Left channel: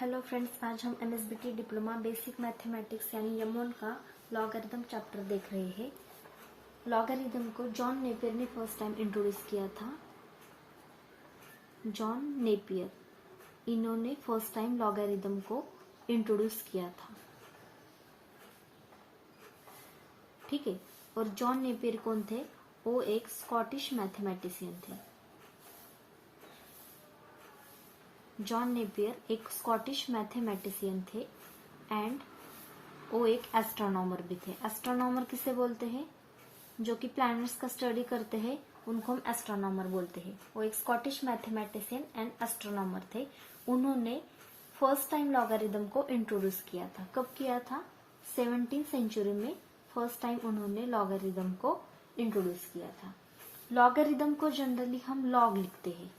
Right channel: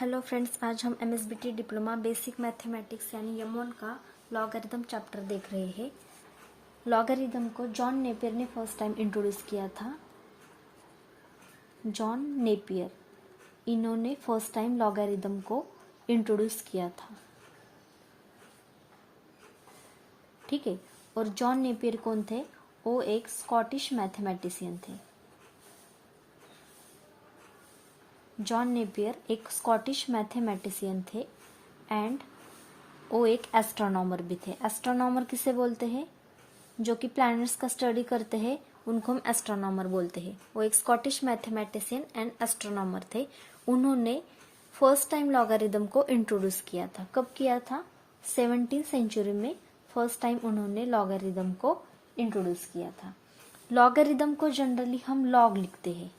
Hello friends, आज हम MSBT diploma basic mathematics यानी M1 का लॉगरिथम चैप्टर देख रहे हैं। लॉगरिथम को जॉन नेपियर ने फर्स्ट टाइम इंट्रोड्यूस किया था। जॉन नेपियर, इन्होंने फर्स्ट टाइम लॉगरिथम को इंट्रोड्यूस किया था। ठीक है। और जॉन नेपियर कौन थे? वो एक स्कॉटिश मैथमेटिशियन थे। जॉन नेपियर एक स्कॉटिश मैथमेटिशियन थे एंड वो एक एस्ट्रोनॉमर भी थे। एस्ट्रोनॉमर किसे बोलते हैं? जो कि प्लैनेट्स का स्टडी करते हैं, उनको हम एस्ट्रोनॉमर बोलते हैं। वो एक स्कॉटिश मैथमेटिशियन एंड एस्ट्रोनॉमर थे। उन्होंने फर्स्ट टाइम लॉगरिथम को इंट्रोड्यूस किया था। कब किया था? 17th सेंचुरी में फर्स्ट टाइम उन्होंने लॉगरिथम को इंट्रोड्यूस किया था। लॉगरिथम को जनरली हम लॉग लिखते हैं।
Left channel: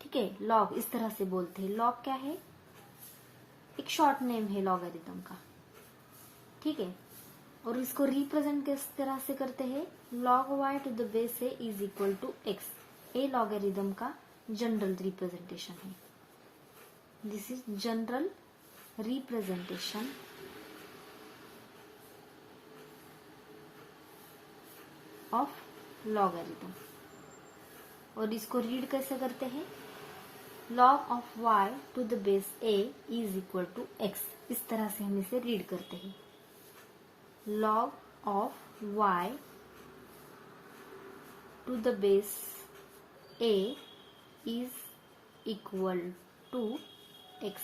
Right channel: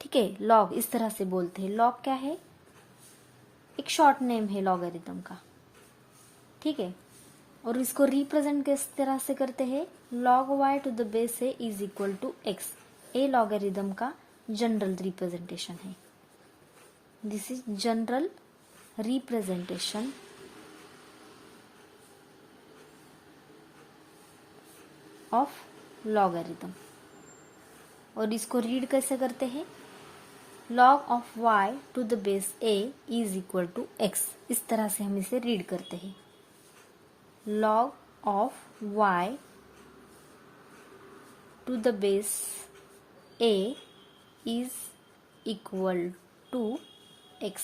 ठीक है, लॉग इस तरह से बोलते हैं। लॉग क्या है? एक शॉर्ट नेम है लॉगरिथम का। ठीक है। और इसको रिप्रेजेंट किस तरह से करते हैं? log y to the base a is equal to x। A logarithm का जनरल रिप्रेजेंटेशन है। This is general representation of logarithm. और इसको रीड कैसे करते हैं? log of y to the base a is equal to x। इस तरह से हम इसे रीड करते हैं। log of y to the base a is equal to x।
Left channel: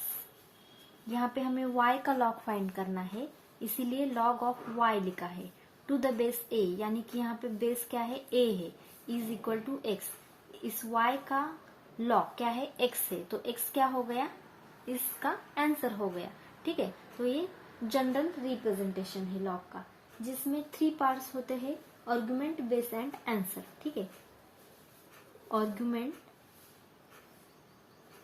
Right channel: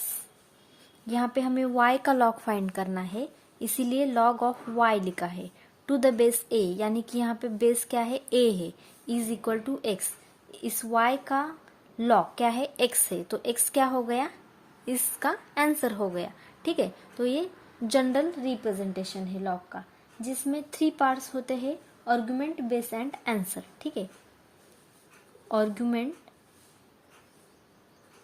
यहाँ पे हमें y का log फाइंड करना है, इसीलिए log of y लिखा है। टू द बेस a यानी कि यहाँ पे बेस क्या है? a है। Is equal to x। इस y का लॉग क्या है? x है। तो x क्या हो गया? इसका आंसर हो गया। ठीक है। तो ये जनरल रिप्रेजेंटेशन है लॉग का, जिसमें 3 पार्ट्स होते हैं: आर्गुमेंट, बेस एंड आंसर। ठीक है।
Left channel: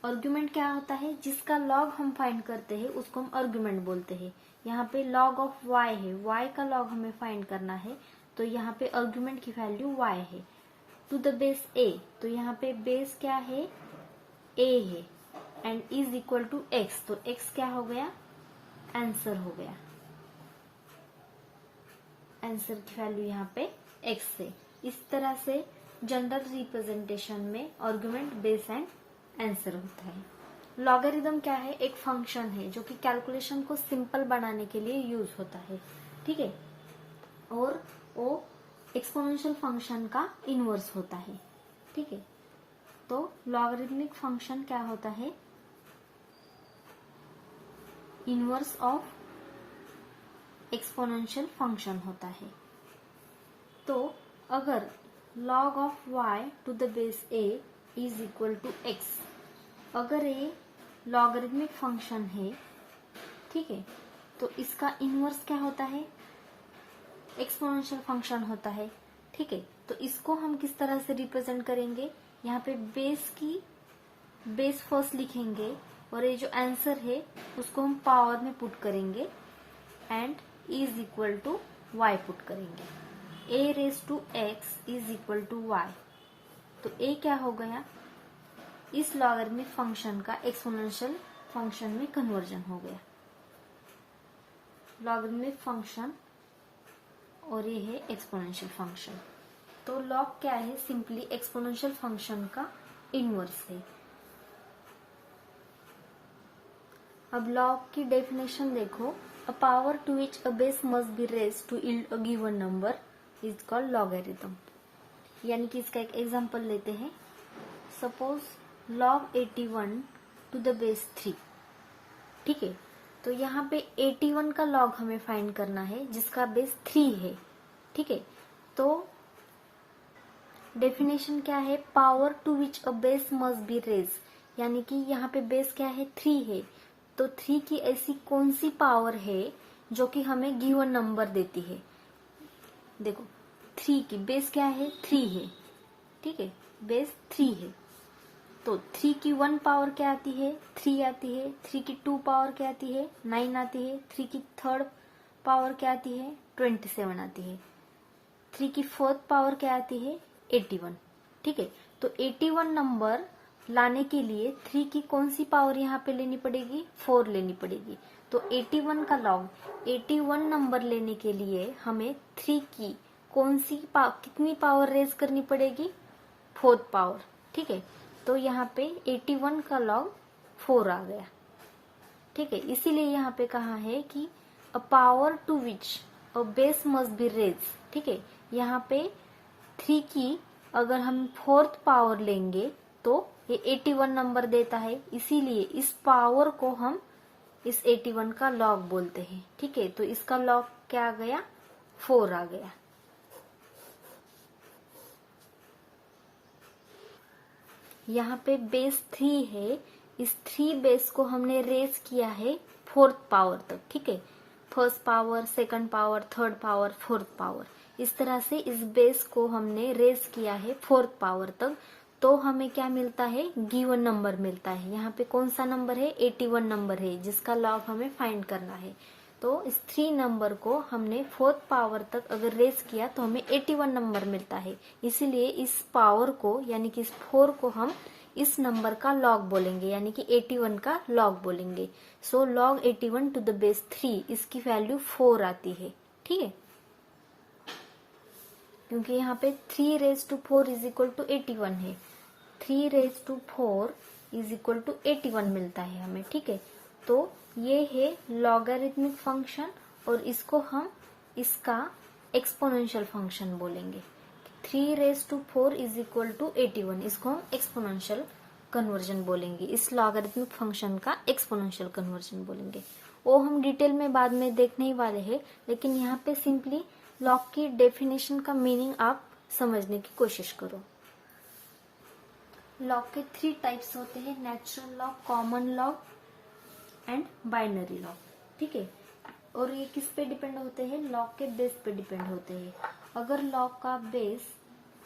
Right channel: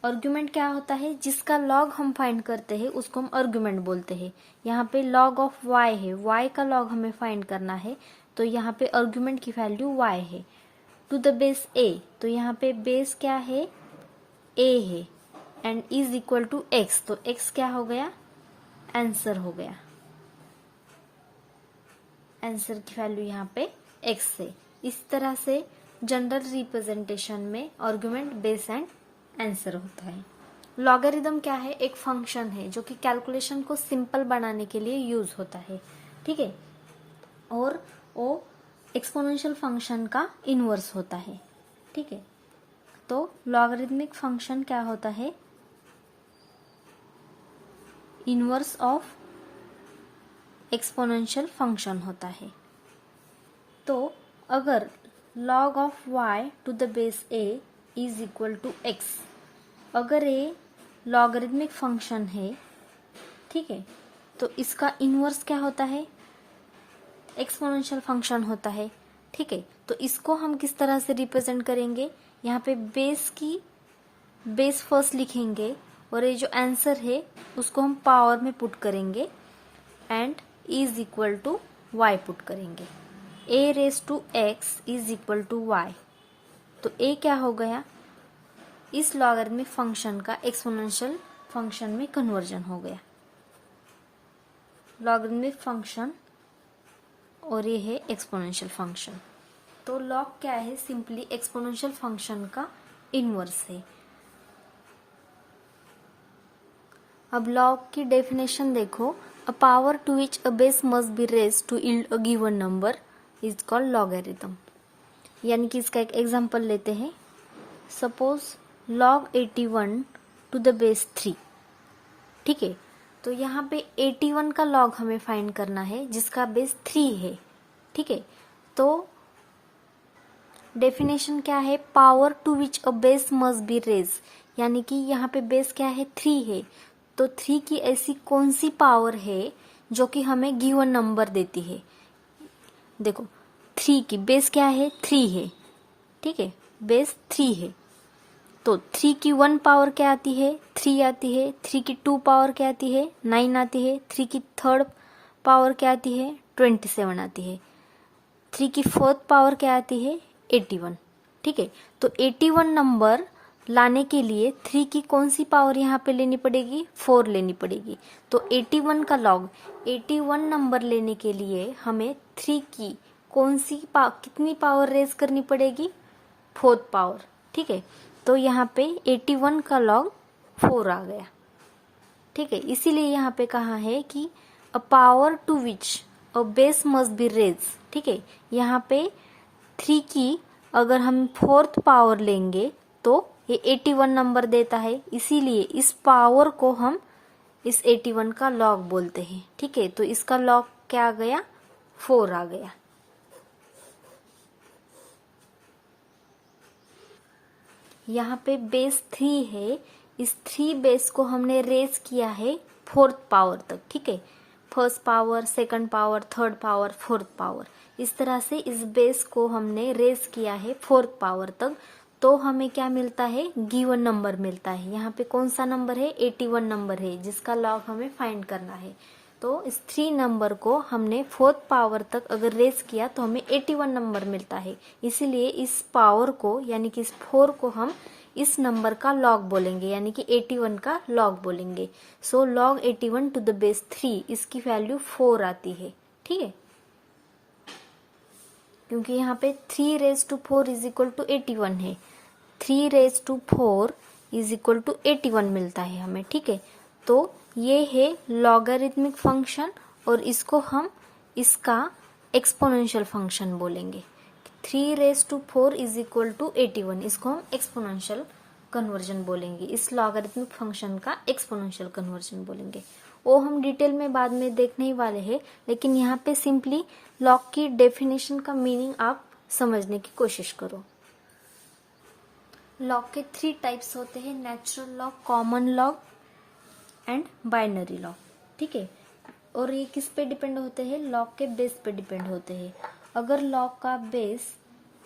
आर्गुमेंट क्या होता है? जिसका लॉग हम फाइंड करते हैं उसको हम आर्गुमेंट बोलते हैं। यहाँ पे लॉग ऑफ y है, y का लॉग हमें फाइंड करना है, तो यहाँ पे आर्गुमेंट की वैल्यू y है। टू द बेस a, तो यहाँ पे बेस क्या है? a है and is equal to x। तो x क्या हो गया? आंसर हो गया। आंसर की वैल्यू यहाँ पे x है। इस तरह से जनरल रिप्रेजेंटेशन में आर्गुमेंट, बेस एंड आंसर होता है। लॉगरिथम क्या है? एक फंक्शन है जो कि कैलकुलेशन को सिंपल बनाने के लिए यूज होता है। ठीक है। और वो एक्सपोनेंशियल फंक्शन का इनवर्स होता है। ठीक है। तो लॉगरिथमिक फंक्शन क्या होता है? इनवर्स ऑफ एक्सपोनेंशियल फंक्शन होता है। तो अगर log of y to the base a is equal to x, अगर ये लॉगरिथमिक फंक्शन है, ठीक है, तो इसका इनवर्स क्या होता है? एक्सपोनेंशियल फंक्शन होता है। ठीक है। तो इसको हम किस तरह से रिप्रेजेंट करेंगे? यहाँ पे बेस फर्स्ट लिखेंगे और ये जो आंसर है उसको हम पावर में पुट करेंगे and is equal to y put करेंगे। a raise to x is equal to y। तो a क्या हो गया? इस लॉगरिथमिक फंक्शन का एक्सपोनेंशियल फंक्शन में कन्वर्जन हो गया। लॉगरिथमिक फंक्शन और ये है एक्सपोनेंशियल फंक्शन। तो लॉग क्या है? सिंपली एक्सपोनेंशियल फंक्शन का इनवर्स है। अब लॉग की डेफिनेशन देखो। A power to which a base must be raised to yield a given number is called logarithm. यानी कि इसका एक एग्जांपल लेते हैं। Suppose log 81 to the base 3। ठीक है। तो यहाँ पे 81 का लॉग हमें फाइंड करना है जिसका बेस 3 है। ठीक है। तो डेफिनेशन क्या है? Power to which a base must be raise, यानी कि यहाँ पे बेस क्या है? 3 है। तो 3 की ऐसी कौन सी पावर है जो कि हमें गिवन नंबर देती है? देखो, 3 की बेस क्या है? 3 है। ठीक है, बेस 3 है। तो 3 की 1 पावर क्या आती है? 3 आती है। 3 की 2 पावर क्या आती है? 9 आती है। 3 की 3rd पावर क्या आती है? 27 आती है। 3 की 4th पावर क्या आती है? 81। ठीक है। तो 81 नंबर लाने के लिए 3 की कौन सी पावर यहाँ पे लेनी पड़ेगी, 4 लेनी पड़ेगी। तो 81 का लॉग 81 नंबर लेने के लिए हमें 3 की कितनी पावर रेज करनी पड़ेगी, 4th पावर। ठीक है, तो यहाँ पे 81 का लॉग 4 आ गया। ठीक है, इसीलिए यहाँ पे कहा है कि a power to which a base must be raise. ठीक है, यहाँ पे 3 की अगर हम 4th पावर लेंगे तो ये 81 नंबर देता है, इसीलिए इस पावर को हम इस 81 का लॉग बोलते हैं। ठीक है, तो इसका लॉग क्या आ गया, 4 आ गया। यहाँ पे बेस 3 है, इस 3 बेस को हमने रेज किया है 4th पावर तक। ठीक है, 1st power, 2nd power, 3rd power, 4th power, इस तरह से इस बेस को हमने रेज किया है 4th पावर तक। तो हमें क्या मिलता है, गिवन नंबर मिलता है। यहाँ पे कौन सा नंबर है, 81 नंबर है, जिसका लॉग हमें फाइंड करना है। तो इस 3 नंबर को हमने 4th पावर तक अगर रेज किया तो हमें 81 नंबर मिलता है। इसीलिए इस पावर को यानी कि इस 4 को हम इस नंबर का लॉग बोलेंगे, यानी कि 81 का लॉग बोलेंगे। So log 81 to the base 3, इसकी वैल्यू 4 आती है। ठीक है, क्योंकि यहाँ पे 3 raise to 4 is equal to 81 है, 3 raise to 4 is equal to 81 मिलता है हमें। ठीक है, तो ये है लॉगरिथमिक फंक्शन और इसको हम इसका एक्सपोनेंशियल फंक्शन बोलेंगे। 3 raise to 4 is equal to 81, इसको हम एक्सपोनेंशियल कन्वर्जन बोलेंगे, इस लॉगरिथमिक फंक्शन का एक्सपोनेंशियल कन्वर्जन बोलेंगे। वो हम डिटेल में बाद में देखने ही वाले हैं, लेकिन यहाँ पे सिंपली लॉग की डेफिनेशन का मीनिंग आप समझने की कोशिश करो। लॉग के 3 टाइप्स होते हैं, natural log, common log and binary log. ठीक है, और ये किस पे डिपेंड होते हैं, लॉग के बेस पे डिपेंड होते हैं। अगर लॉग का बेस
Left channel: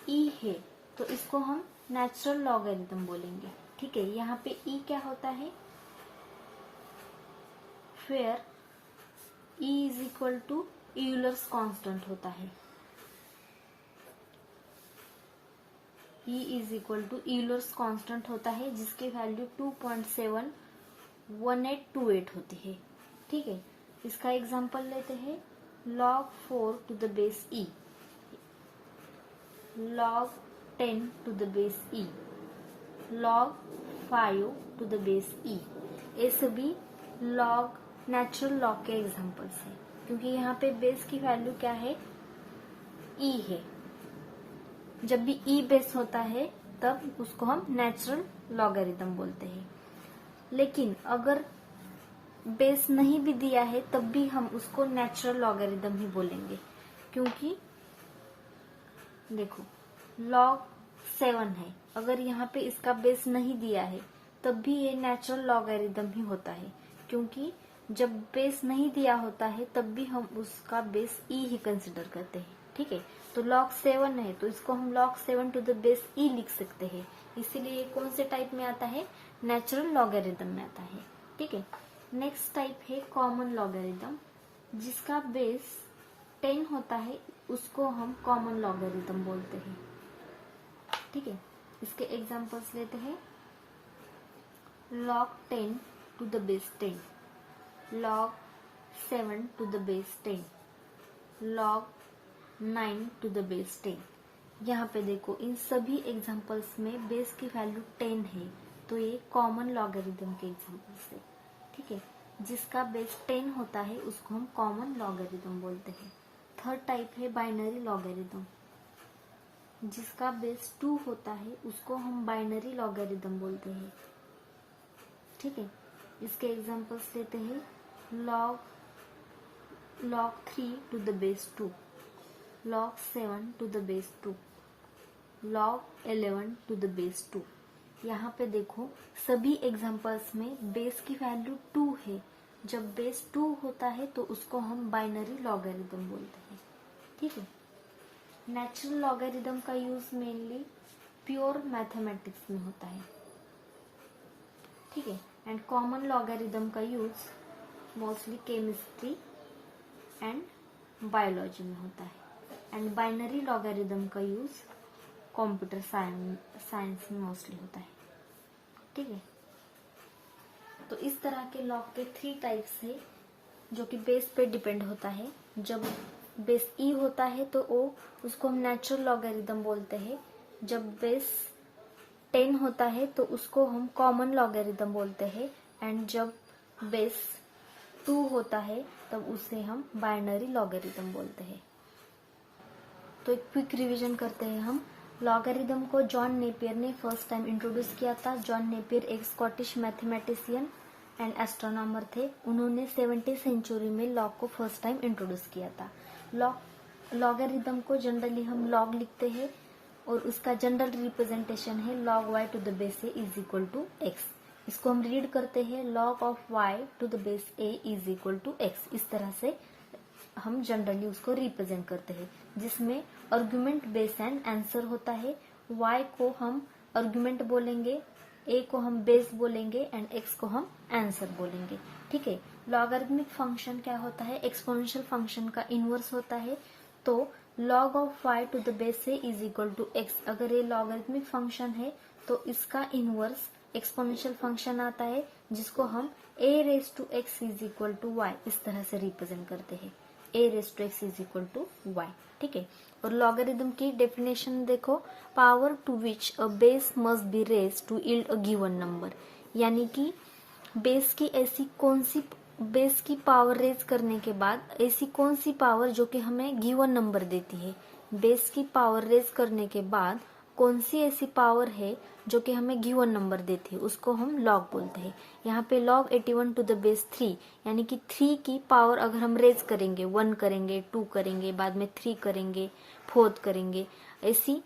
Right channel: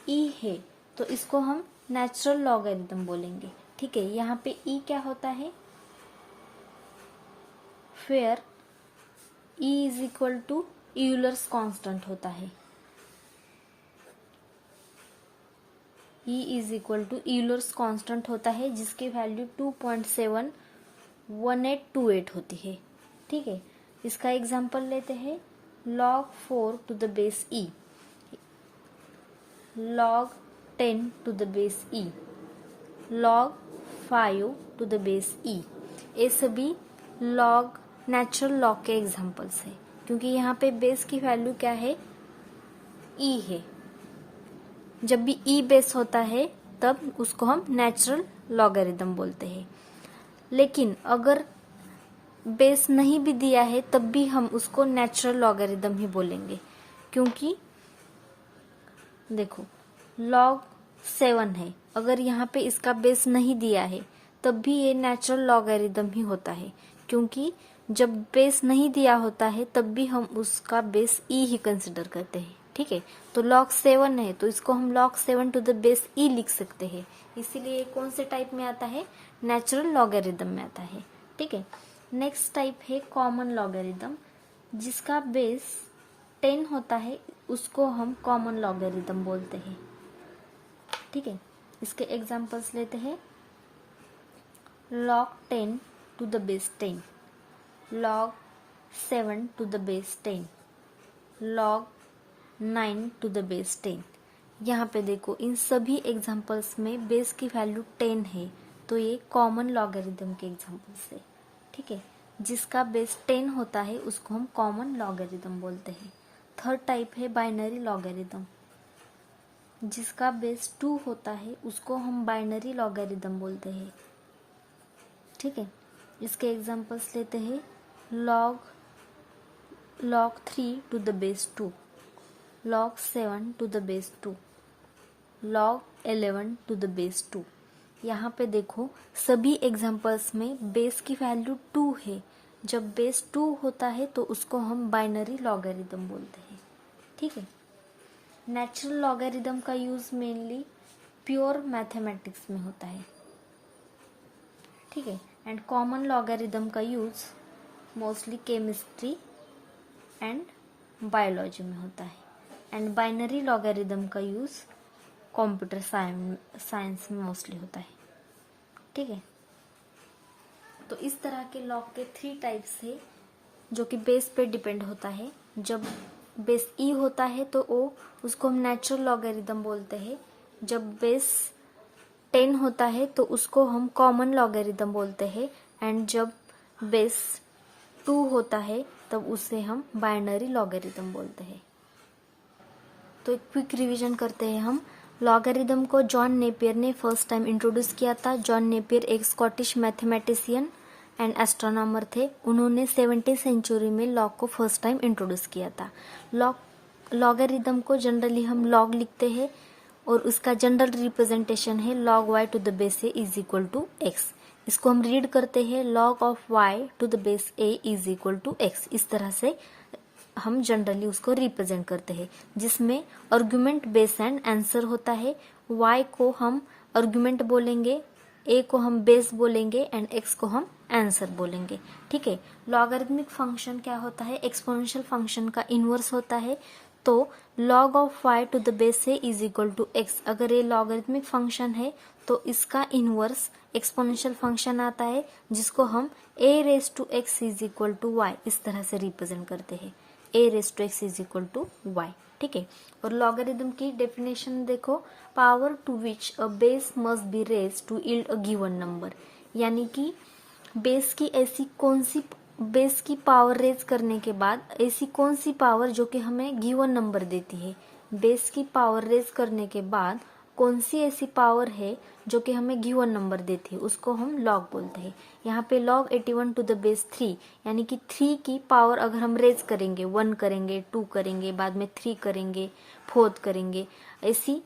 ई है तो इसको हम नेचुरल लॉगरिथम बोलेंगे। ठीक है, यहाँ पे ई क्या होता है, where e is equal to Euler's constant होता है। E is equal to Euler's constant होता है, जिसकी वैल्यू 2.71828 होती है। ठीक है, इसका एग्जांपल लेते हैं, log 4 to the base e, log 10 to the base e, log 5 to the base e. ये सभी लॉग, नेचुरल लॉग के एग्जांपल्स हैं, क्योंकि यहाँ पे बेस की वैल्यू क्या है, ई है। जब भी ई बेस होता है तब उसको हम नेचुरल लॉगरिथम बोलते हैं। लेकिन अगर बेस नहीं भी दिया है तब भी हम उसको नेचुरल लॉगरिथम ही बोलेंगे, क्योंकि देखो log 7 है, अगर यहाँ पे इसका बेस नहीं दिया है तब भी ये नेचुरल लॉगरिथम ही होता है, क्योंकि जब बेस नहीं दिया होता है तब भी हम उसका बेस ई ही कंसिडर करते हैं। ठीक है, तो log 7 है तो इसको हम log 7 टू द बेस ई लिख सकते हैं, इसीलिए कौन से टाइप में आता है, नेचुरल लॉगरिथम में आता है। ठीक है, नेक्स्ट टाइप है कॉमन लॉगरिथम, जिसका बेस 10 होता है उसको हम कॉमन लॉगरिथम बोलते हैं। ठीक है, इसके एग्जांपल्स लेते हैं, log 10 to the base 10, log 7 to the base 10, log 9 to the base 10। यहाँ पे देखो इन सभी एग्जांपल्स में बेस की वैल्यू 10 है, तो ये कॉमन लॉगरिथम के एग्जांपल्स है। ठीक है, जिसका बेस 10 होता है उसको हम कॉमन लॉगरिथम बोलते हैं। थर्ड टाइप है बाइनरी लॉगरिथम, जिसका बेस 2 होता है उसको हम बाइनरी लॉगरिथम बोलते हैं। ठीक है, इसके एग्जांपल्स लेते हैं, log 3 to the base 2, log 7 to the base 2, log 11 to the base 2। यहाँ पे देखो सभी एग्जांपल्स में बेस की वैल्यू 2 है, जब बेस 2 होता है तो उसको हम बाइनरी लॉगरिथम बोलते हैं। ठीक है, नेचुरल लॉगरिथम का यूज मेनली प्योर मैथमेटिक्स में होता है। ठीक है, एंड कॉमन लॉगरिथम का use mostly chemistry and biology में होता है, एंड बाइनरी लॉगरिथम का यूज कंप्यूटर साइंस में मोस्टली होता है। ठीक है। तो इस तरह के लॉग के 3 टाइप्स है जो कि बेस पे डिपेंड होता है। जब बेस ई होता है तो उसको हम नेचुरल लॉगरिदम बोलते हैं। जब बेस 10 होता है तो उसको हम कॉमन लॉगरिदम बोलते हैं। एंड जब बेस 2 होता है तब उसे हम बाइनरी लॉगरिदम बोलते हैं। तो एक क्विक रिवीजन करते हैं हम। लॉगरिदम को जॉन नेपियर ने फर्स्ट टाइम इंट्रोड्यूस किया था। जॉन नेपियर एक स्कॉटिश मैथमेटिशियन एंड एस्ट्रोनॉमर थे। उन्होंने 17वीं सेंचुरी में लॉग को फर्स्ट टाइम इंट्रोड्यूस किया था। लॉगरिदम को जनरली हम लॉग लिखते हैं और उसका जनरल रिप्रेजेंटेशन है log y to the base a is equal to x। इसको हम रीड करते हैं log of y to the base a is equal to x। इस तरह से हम जनरली उसको रिप्रेजेंट करते हैं, जिसमें आर्गुमेंट बेस एंड आंसर होता है। y को हम आर्गुमेंट बोलेंगे, a को हम बेस बोलेंगे एंड x को हम आंसर बोलेंगे। ठीक है। लॉगरिथमिक फंक्शन क्या होता है? एक्सपोनेंशियल फंक्शन का इनवर्स होता है। तो log of y to the base a is equal to x। अगर ये लॉगरिथमिक फंक्शन है तो इसका इनवर्स एक्सपोनेंशियल फंक्शन आता है, जिसको हम a raise to x is equal to y इस तरह से रिप्रेजेंट करते हैं। a raise to x is equal to y। ठीक है। और लॉगरिथम की डेफिनेशन देखो, power to which a base must be raise to yield a given number. यानी कि बेस की पावर रेज करने के बाद ऐसी कौन सी पावर जो कि हमें गिवन नंबर देती है। बेस की पावर रेज करने के बाद कौन सी ऐसी पावर है जो कि हमें गिवन नंबर देती है, उसको हम लॉग बोलते हैं। यहाँ पे log 81 टू द बेस 3, यानी कि 3 की पावर अगर हम रेज करेंगे, 1 करेंगे, 2 करेंगे, बाद में 3 करेंगे, 4 करेंगे, ऐसी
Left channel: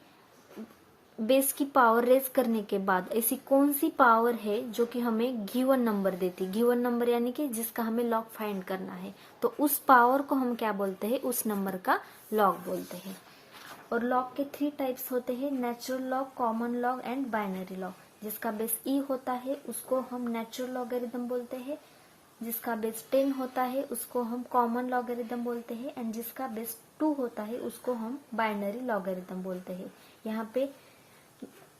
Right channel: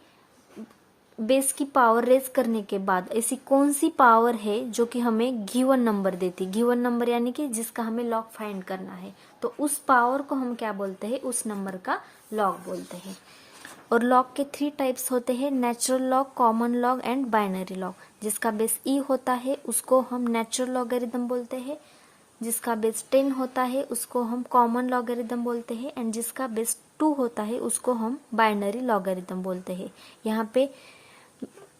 बेस की पावर रेज करने के बाद ऐसी कौन सी पावर है जो कि हमें गिवन नंबर देती। गिवन नंबर यानी कि जिसका हमें लॉग फाइंड करना है, तो उस पावर को हम क्या बोलते हैं? उस नंबर का लॉग बोलते हैं। और लॉग के 3 टाइप्स होते हैं, natural log, common log and binary log. जिसका बेस ई होता है उसको हम नेचुरल लॉगरिदम बोलते हैं। जिसका बेस 10 होता है उसको हम कॉमन लॉगरिदम बोलते हैं। एंड जिसका बेस 2 होता है उसको हम बाइनरी लॉगरिदम बोलते हैं। यहाँ पे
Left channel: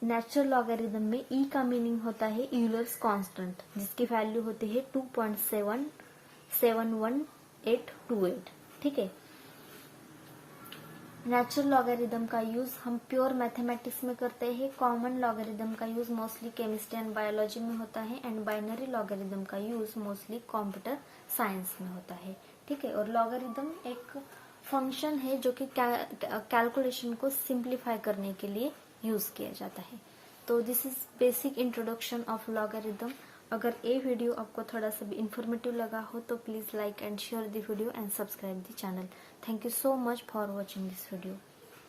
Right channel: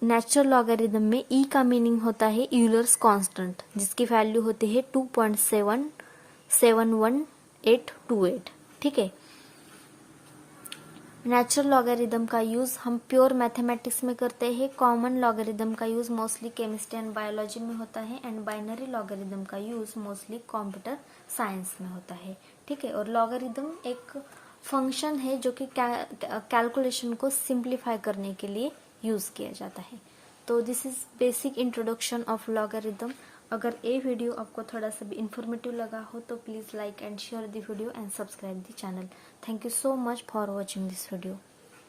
नेचुरल लॉगरिदम में ई का मीनिंग होता है यूलर्स कांस्टेंट, जिसकी वैल्यू होती है 2.71828। ठीक है। नेचुरल लॉगरिदम का यूज हम प्योर मैथमेटिक्स में करते हैं। कॉमन लॉगरिदम का use mostly chemistry and biology में होता है। एंड बाइनरी लॉगरिदम का यूज मोस्टली कंप्यूटर साइंस में होता है। ठीक है। और लॉगरिदम एक फंक्शन है जो कि कैलकुलेशन को सिंप्लीफाई करने के लिए यूज किया जाता है। तो this is basic introduction of logarithm. अगर ये वीडियो आपको थोड़ा सा भी इंफॉर्मेटिव लगा हो तो please like and share the video and subscribe the channel. Thank you so much for watching this video.